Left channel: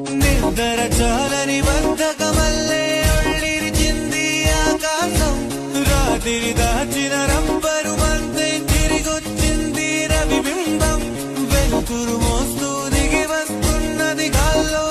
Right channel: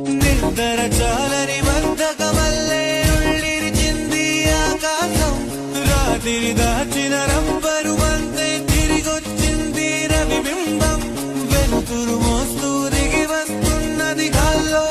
నిద్ర చాలని బద్ధకమల్లే ఒళ్ళిరిచింది ఆకాశం. రాత్రి దాచిన రబ్బరు బంతే తిరిగొచ్చింది రవిబింబం. వెలుతురు మోస్తూ దిగి వస్తున్నది గాల్లో